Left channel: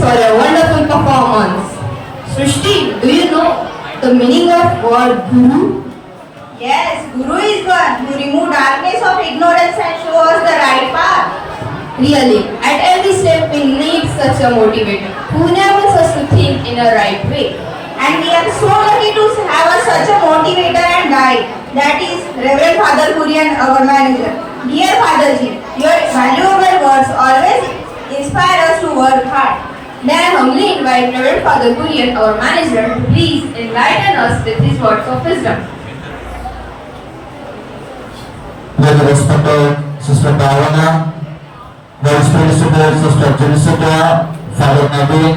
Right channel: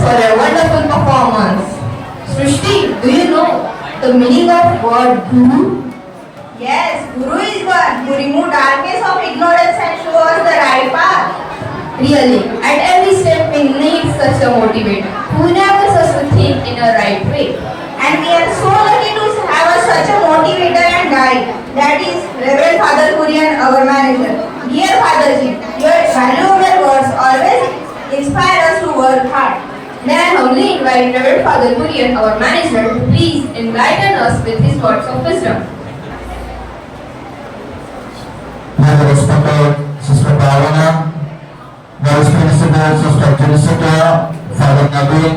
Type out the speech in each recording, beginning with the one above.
for a wonderful performance. Srishti, do you know the meaning of word guru? Yes, Guru is one who remove darkness of ignorance and show us the right path. Really, at every step we need such a motivator who enables us to think in a right way. And we are so lucky to have such a motivator and guide. That is Reverend Father Kurian, our manager. Dear Fatherji, your valuable words always inspire us to work hard. May I humbly invite Reverend Father Kurian, our manager, to please enlighten us with his words of wisdom. Very respected Sister Bhavana, very respected Sister Jessica, Father Naveen,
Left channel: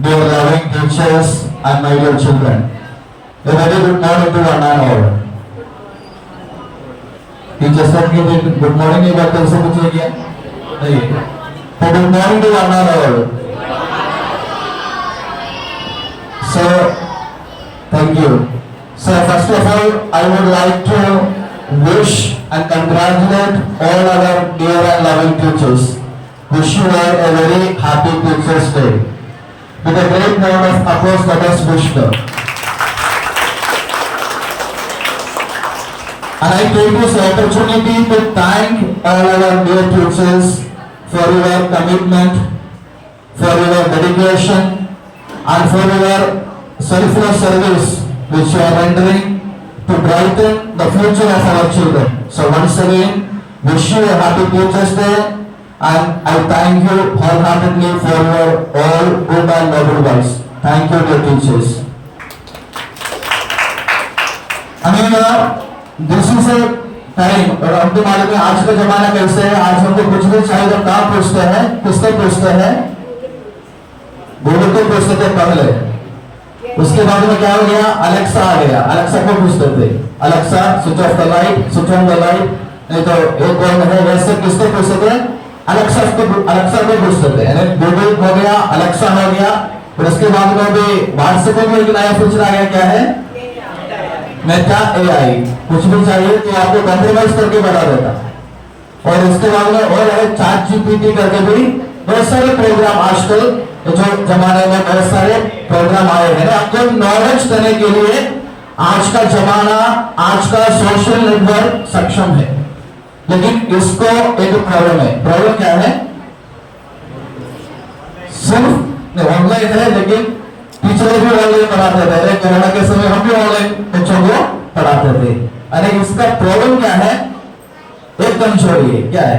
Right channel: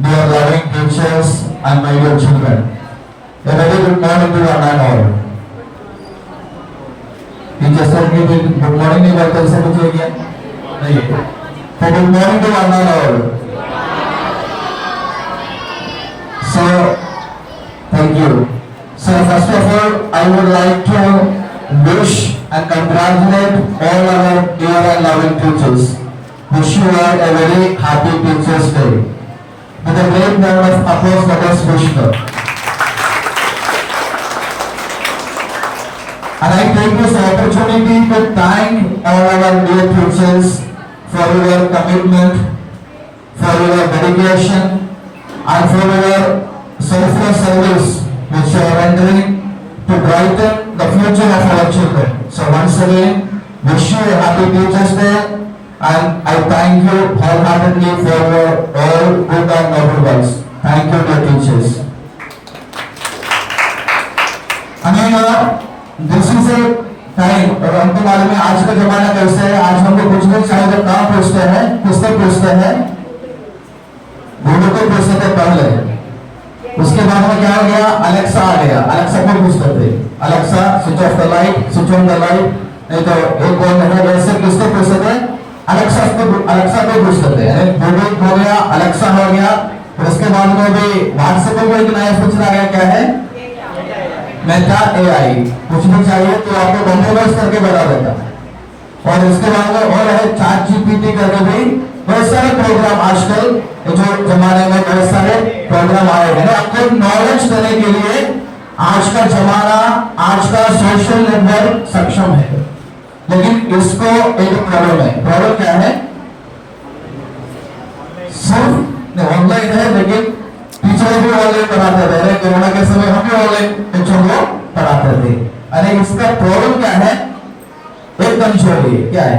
dear loving teachers and my dear children. A very good morning to one and all. Teachers said good morning नहीं करते तो कुछ हो गया नहीं तो good morning to one and all. So thank you. So first of all I would like to wish and congratulate all our dear and loving teachers. Wish you all a very happy Teachers' Day. With a great round of applause, let us wish them. And I take this opportunity to thank all our dear teachers for your commitment, for your dedication, and for your selfless service which you are rendering to brighten the future of our children. So once again, wish you a happy Teachers' Day, and I thank you wholeheartedly for your all good and noble works. Thank you, dear teachers. This is a time, और हमको मालूम है आज का जमाना कैसे है. आज हमको कुछ भी चाहिए तो कहाँ पूछते हैं, किससे पूछते हैं? गूगल को पूछते थे पहले. उसके बाद में क्या हो गया? अलेक्सा आ गया. अलेक्सा को पूछते थे, Alexa switch off the light, switch on the light. नहीं तो एक कौन है वैसे किसको पूछते थे? अलेक्सा को पूछते थे. गूगल हो गया, अलेक्सा हो गया. और उसके बाद में भी व्हाट्सएप में एक नया फीचर आया, क्या है? Meta AI. कुछ भी चाहिए तो आपको कंप्रोमाइज करके बता देता. और उसके बाद में और है चैट जीपीटी करके भी बहुत सारे प्रोग्राम आजकल जो जमाने में बहुत सारे प्रोग्राम आए हैं. आपको नॉलेज देने के लिए आज का जमाना, आज का सोशल नेटवर्क सक्षम है. लेकिन इसको एक प्रॉब्लम है. प्रॉब्लम क्या है? सिर्फ ऑनलाइन है, लेकिन टीचर भी ऑनलाइन पढ़ाते थे. कोरोना के समय हम भी ऑनलाइन बच्चों को पढ़ाते थे. अरे इसका प्रॉब्लम क्या है? एक कमजोरी है. क्या है?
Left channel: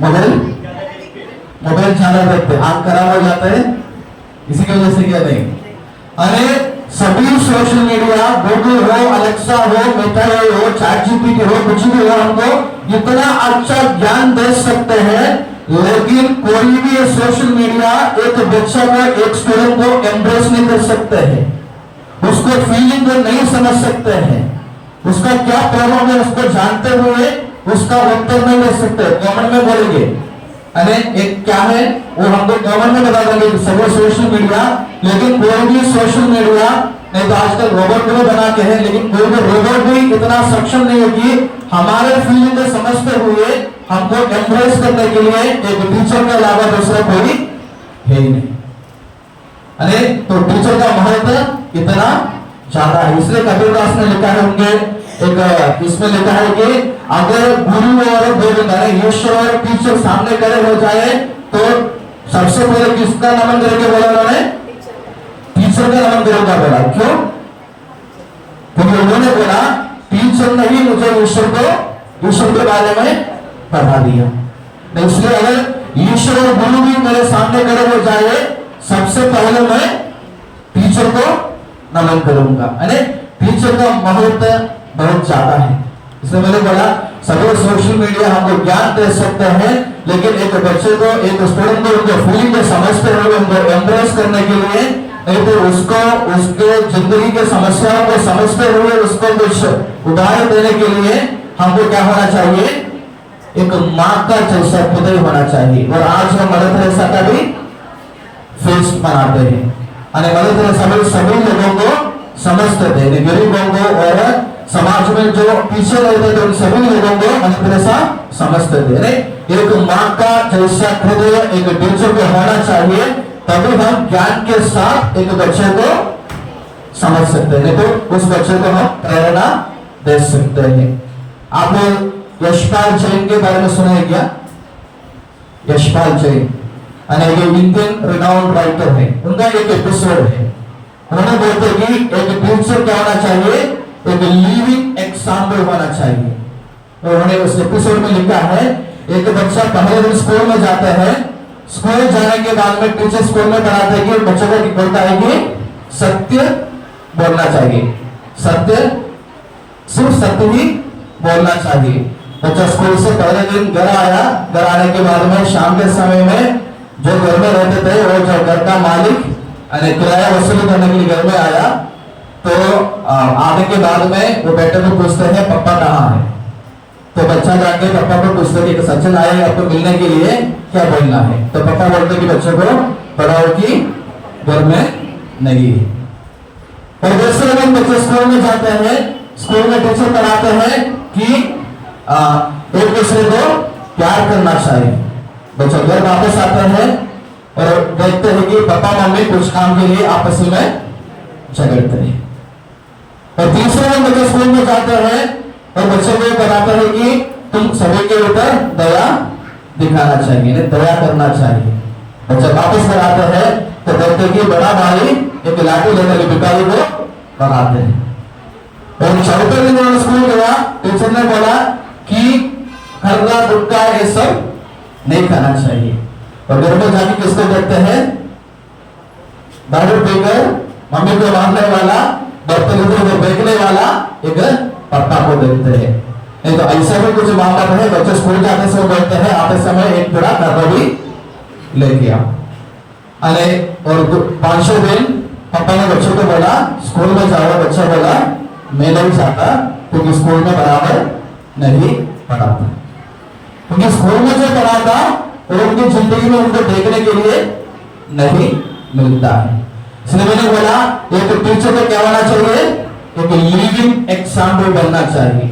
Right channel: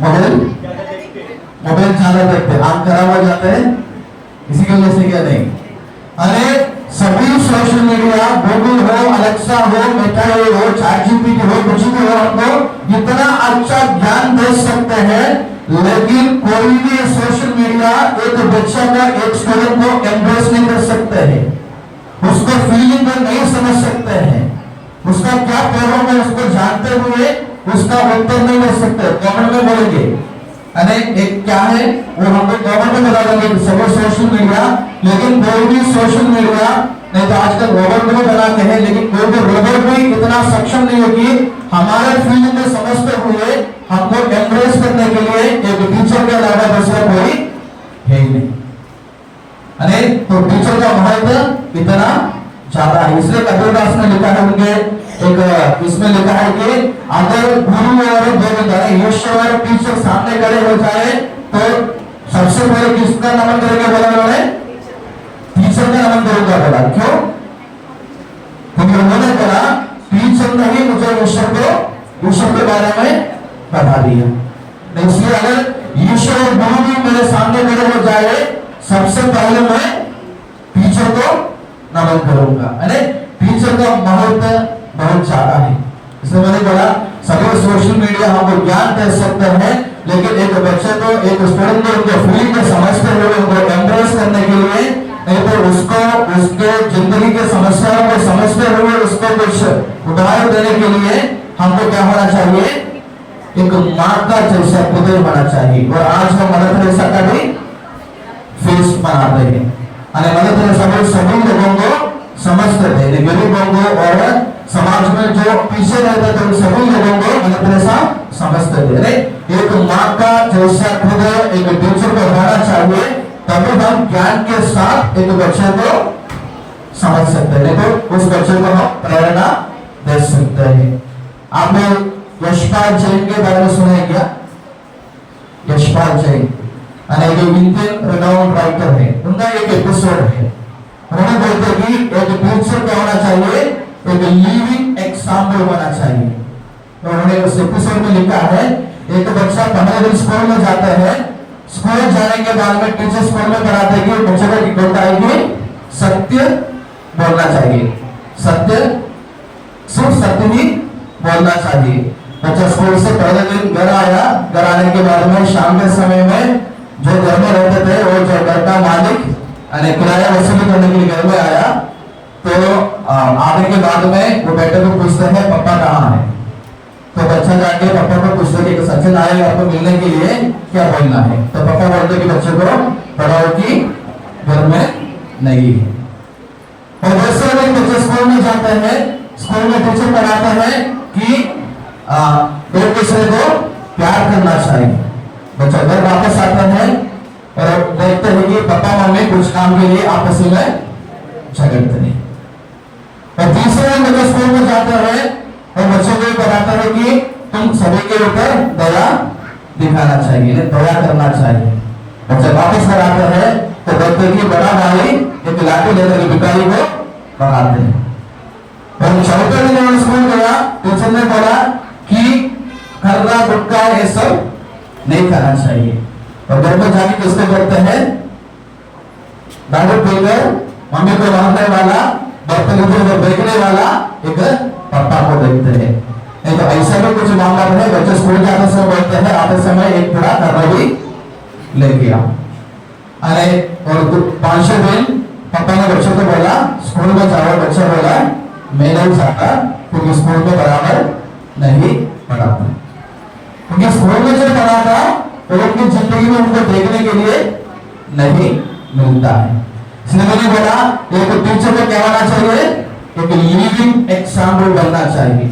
मोबाइल ज्यादा देखते हैं, आंख खराब हो जाते हैं. इसी की वजह से क्या नहीं. अरे सभी सोशल मीडिया, गूगल हो, अलेक्सा हो, मेटा हो, चैट जीपीटी हो, कुछ भी हो, हमको इतना अच्छा ज्ञान दे सकते हैं. लेकिन कोई भी सोशल मीडिया एक बच्चा का, एक स्टूडेंट को एम्ब्रेस नहीं कर सकते हैं. उसको फीलिंग को नहीं समझ सकते हैं. उसका क्या प्रॉब्लम है उसको जानते हुए उसका उत्तर नहीं दे सकते. कॉमन में बोलेंगे. अरे एक क्या है वो हमको कॉमन में बता देंगे सब सोशल मीडिया. लेकिन कोई भी सोशल मीडिया नहीं तो आजकल रोबोट को बनाते हैं, लेकिन कोई भी रोबोट भी इतना सक्षम नहीं होगी हमारे फील्ड में समझते हुए हमको एम्ब्रेस करने के लिए एक टीचर के अलावा दूसरा कोई है ही नहीं. अरे तो टीचर का महत्व इतना ज्यादा है. इसलिए कबीरदास ने लिखा है उनके एक इसमें लिखा है कि अगर गुरु और गोविंद ईश्वर टीचर सामने खड़े हो जाए तो सबसे पहले किसका नमन करके बोला उन्होंने? टीचर का नमन करूंगा बोला. क्यों? क्योंकि उन्होंने बोला टीचर ने ही मुझे ईश्वर के बारे में पढ़ा दिया. इसलिए अगर ईश्वर और गुरु भी मेरे सामने खड़े हो जाए सबसे पहले मैं टीचर को नमन करूंगा. अरे टीचर का महत्व बहुत ज्यादा है. इसलिए मैंने बोला सभी सोशल मीडिया हमको ज्ञान दे सकते हैं, लेकिन एक बच्चे को, एक स्टूडेंट को उनके फीलिंग को समझते हुए उनको एम्ब्रेस करने के लिए नहीं तो उसको उसके जिंदगी के समस्याओं को समझते हुए उसको कुछ उदाहरण देने के लिए हमको क्या होना चाहिए? एक माँ का जैसा पुत्र होना चाहिए. और आज हम मदर तेरेसा का भी फेस्ट मनाते हैं. मदर तेरेसा सभी लोगों को समझते थे, गरीबों को और समाज में जो पीछे रहते थे उन सभी लोगों को मदर तेरेसा समझते थे। अरे एक माँ का जैसा हृदय एक टीचर को होना चाहिए, तभी हम ज्ञान के साथ एक बच्चे को समझ सकते हैं, तो उस बच्चे को हम प्रेरणा दे सकते हैं। आपने यशपाल जैन के बारे में सुना है क्या? Yashpal Jain Indian renowned writer है, उनका एक एपिसोड है। उन्होंने बोलते कि एक टीचर क्या होना चाहिए, एक लिविंग एग्जाम्पल होना चाहिए। उन्होंने उस एपिसोड में लिखा है, एक बच्चा पहले दिन स्कूल में जाता है, स्कूल जाने के बाद में टीचर स्कूल में पढ़ाते हैं कि बच्चों को बोलता है कि सत्य बोलना चाहिए, सत्य सिर्फ सत्य ही बोलना चाहिए। बच्चा स्कूल से पहले दिन घर आया, घर आने के बाद में शाम के समय में जो घर में रहते थे वो जो घर का मालिक किराया वसूली करने के लिए घर में आया, तो आने के बाद में वो बेटे को पूछते हैं पापा कहाँ है। तो बच्चा जाके पापा को पूछते कि सचिन आए आपको मिलने के लिए, क्या बोलना है। तो पापा बोलते कि बच्चे को पढ़ाओ कि घर में नहीं है। और जैसे लोग बच्चे स्कूल में जाते हैं, स्कूल में टीचर पढ़ाते हैं कि एक दूसरे को प्यार करना चाहिए। बच्चा घर वापस आते हैं और देखते हैं कि पापा मम्मी कुछ काम के लिए आपस में झगड़ते हैं। और तीसरे दिन बच्चे स्कूल में जाते हैं और बच्चों को बताते हैं कि तुम सभी के ऊपर दया दिखाना चाहिए, दया करना चाहिए। बच्चे वापस घर आते हैं तो देखते हैं कि बड़ा भाई एक लाठी लेकर पिताजी को भगाते हैं। और चौथे दिन उन्होंने स्कूल गया, टीचर ने बोला कि खर्रा गुटखा ये सब नहीं खाना चाहिए। और घर में जाके किसको देखते हैं, दारू पीकर मम्मी को मारने वाला, बर्तन इधर उधर फेंकने वाला एक पापा को देखते हैं। नहीं तो ऐसा भी कुछ मामला है, बच्चे स्कूल जाते समय बोलते हैं आते समय एक पूरा खर्रा भी लेके आओ। अरे और 500 दिन पापा ने बच्चों को बोला स्कूल में जाओ, बच्चा बोला मैं नहीं जाता क्योंकि स्कूल में बराबर नहीं पढ़ाता। क्योंकि स्कूल में जो पढ़ाता वो उनकी जिंदगी में उनको देखने के लिए नहीं मिलता है। इसलिए मैंने बोला एक टीचर को क्या होना चाहिए, एक लिविंग एग्जाम्पल बनना चाहिए।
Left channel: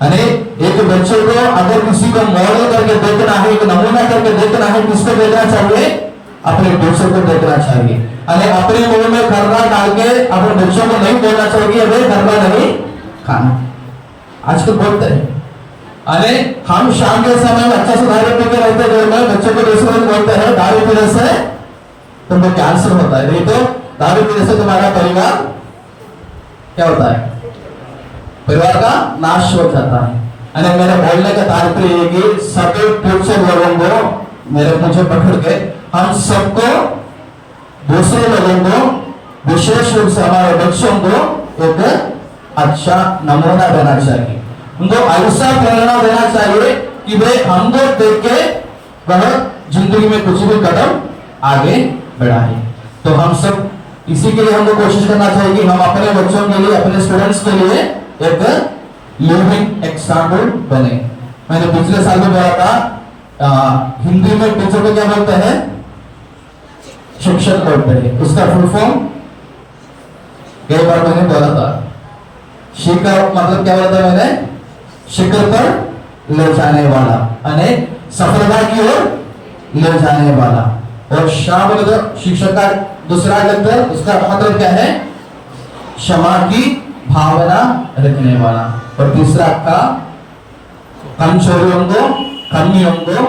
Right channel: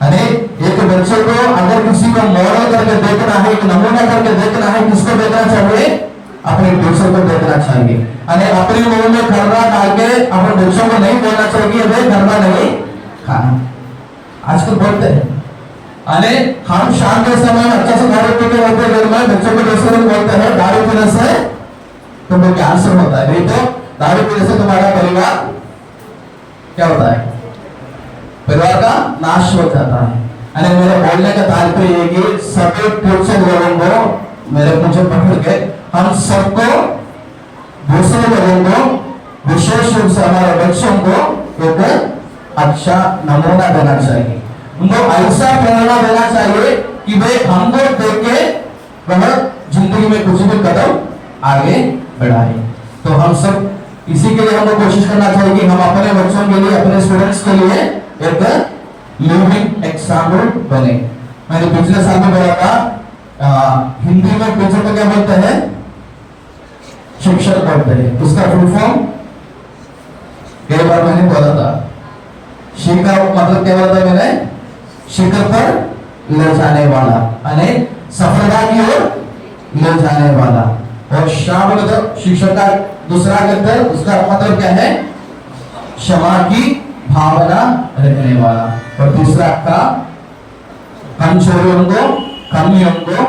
अरे एक बच्चे को अगर किसी को मॉडल करके देखना है, एक नमूना करके देखना है, किसको देखना चाहिए, अपने टीचर को देखना चाहिए। अरे अपने मुंह में खर्रा डाल के अपने बच्चों को नहीं बोलना चाहिए अरे खर्रा नहीं खाना। आजकल बोलते हैं अरे हम शाम के समय में अच्छा से दारू पीते रहते घर में, बच्चों को दूसरे लोग बोलते हैं दारू पीने से तुमको कैंसर होता है, नहीं तो दारू पीने से तुम्हारा परिवार क्या होता है, परिवार का नाश हो जाता है। अरे मेरे बोलने का तात्पर्य ये कि सभी टीचर लोगों को मेरे मुझे पकड़ के हम सबको दूसरे लोगों को विशेष रूप से हमारे बच्चों को एक अच्छा नमूना देना चाहिए, उनको ऐसा प्रेरणा देना चाहिए कि भाई हमको देख के वह जिंदगी में कुछ भी कदम आगे बढ़ाए। तो हम सब इसी के लिए हमको कोशिश करना चाहिए कि हम अपने बच्चों के लिए, अपने स्टूडेंट्स के लिए एक लिविंग एग्जाम्पल बने। मैंने पिछले साल में बोला था हिंदी में टीचर को क्या बोलते हैं, शिक्षक बोलते हैं। उसका फुल फॉर्म कई बार मैंने बोला था, शिक्षक मतलब क्या बोलते हैं मैंने, शिखर पर ले जाने वाला, अने सफलता की ओर ले जाने वाला। और शब्द शिक्षक का दूसरा अर्थ, उसका मतलब क्या है, क्षमा की भावना रखने वाला। और तीसरा का कमजोरियों को, कमियों को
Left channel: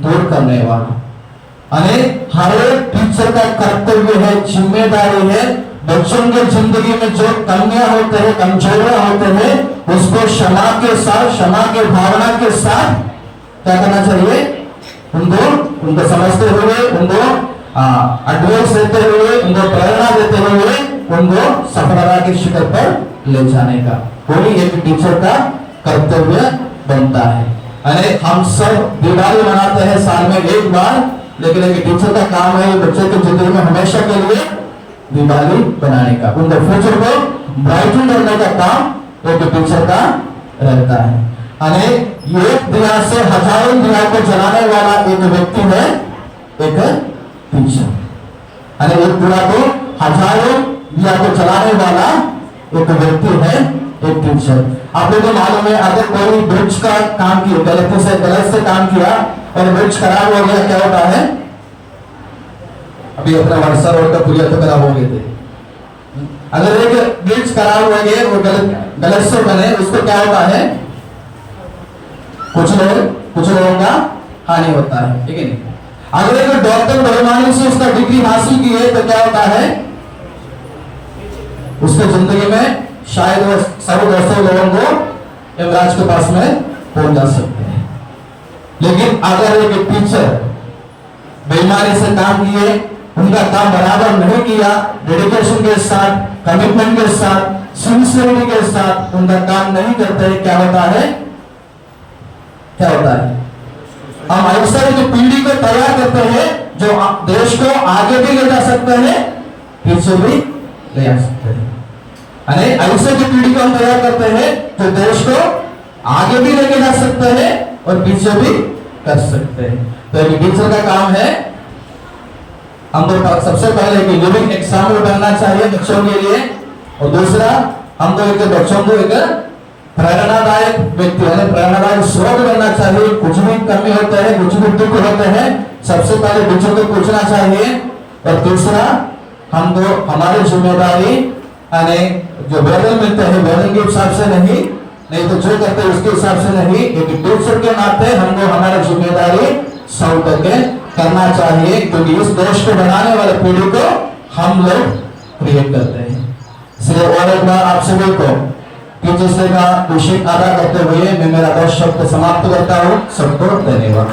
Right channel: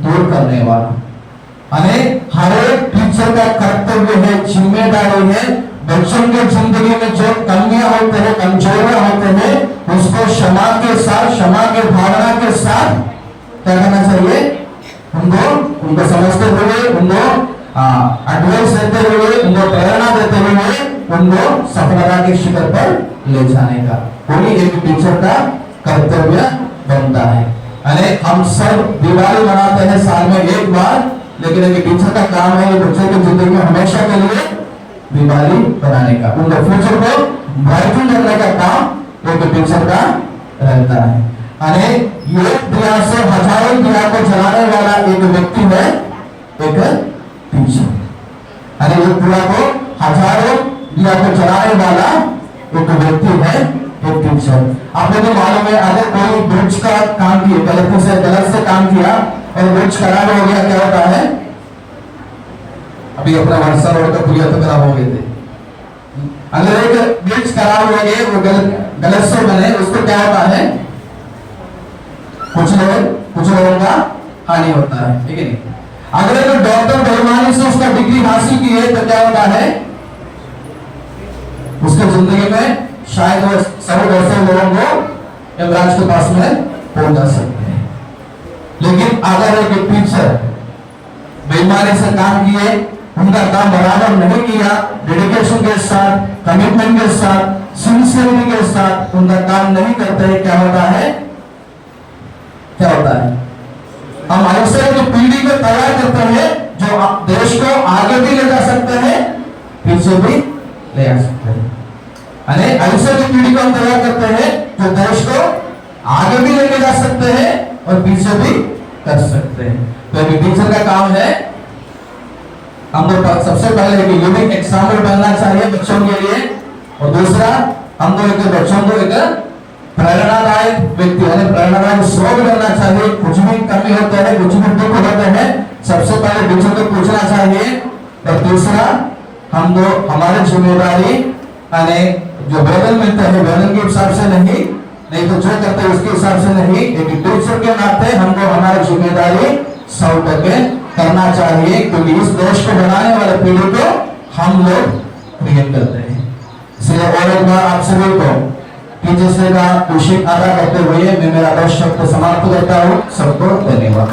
दूर करने वाला। अने हर एक टीचर का कर्तव्य है, जिम्मेदारी है, बच्चों के जिंदगी में जो कमियां होते हैं, कमजोरियां होते हैं, उसको क्षमा के साथ, क्षमा के भावना के साथ क्या करना चाहिए, उनको समझते हुए, उनको एडवाइस देते हुए, उनको प्रेरणा देते हुए उनको सफलता के शिखर पर ले जाने का वही एक टीचर का कर्तव्य बनता है। अरे हम सब दिवाली मनाते हैं साल में एक बार, लेकिन एक टीचर का काम है बच्चे की जिंदगी में हमेशा के लिए दिवाली बनाने का, उनके फ्यूचर को ब्राइटन करने का काम एक टीचर का रहता है। अरे एक दिया से हजारों दिया को जलाने वाला एक व्यक्ति है एक टीचर। अरे एक दिया को हजारों दिया को जलाने वाला एक व्यक्ति है एक टीचर। आपको तो मालूम है अगर कोई ब्रिज का काम किया गलत से काम किया और ब्रिज खराब हो गया क्या होता है? अभी अपना वर्षा रोड का पुलिया तो खराब हो गए थे। अगर एक ब्रिज खराब हो गए वो गलत से बने उसको क्या होता है? कुछ लोगों का हानि होता है, ठीक है नहीं? अगर एक डॉक्टर बेईमानी से उसका डिग्री हासिल की है तो क्या होता है? उसकी जिंदगी में शायद वो सब ऐसे लोगों को यमराज के पास में पहुंचा सकते हैं। लेकिन अगर एक टीचर बेईमानी से काम किए, उनका काम बराबर नहीं किया, डेडिकेशन के साथ, कमिटमेंट के साथ, सिंसियरिटी के साथ उनका काम नहीं करते, क्या होता है? हम ऐसा की पीढ़ी को तैयार करते हैं जो देश को आगे भी ले जा सकते हैं, पीछे भी ले जा सकते हैं। ऐसे की पीढ़ी को हम तैयार करते हैं जो देश को आगे भी लेके जा सकते हैं और पीछे भी कर सकते हैं। तो एक टीचर का काम है हम तो सबसे पहले कि लिविंग एग्जाम्पल बनना चाहिए बच्चों के लिए, और दूसरा हम तो एक बच्चों को एक प्रेरणादायक व्यक्ति प्रेरणादायक स्रोत बनना चाहिए। कुछ भी कमी होते हैं, कुछ भी दुख होते हैं, सबसे पहले टीचर को पूछना चाहिए। और दूसरा हम तो हमारी जिम्मेदारी जो वेतन मिलते हैं वेतन के हिसाब से नहीं तो जो करते हैं उसके हिसाब से नहीं, एक टीचर के नाते हमको हमारी जिम्मेदारी सौ टके करना चाहिए, क्योंकि इस देश को बनाने वाले पीढ़ी को हम लोग क्रिएट करते हैं। इसलिए और एक बार आप सभी को टीचर्स डे का खुशी अदा करते हुए मैं मेरा 10 शब्द समाप्त करता हूँ। सबको धन्यवाद।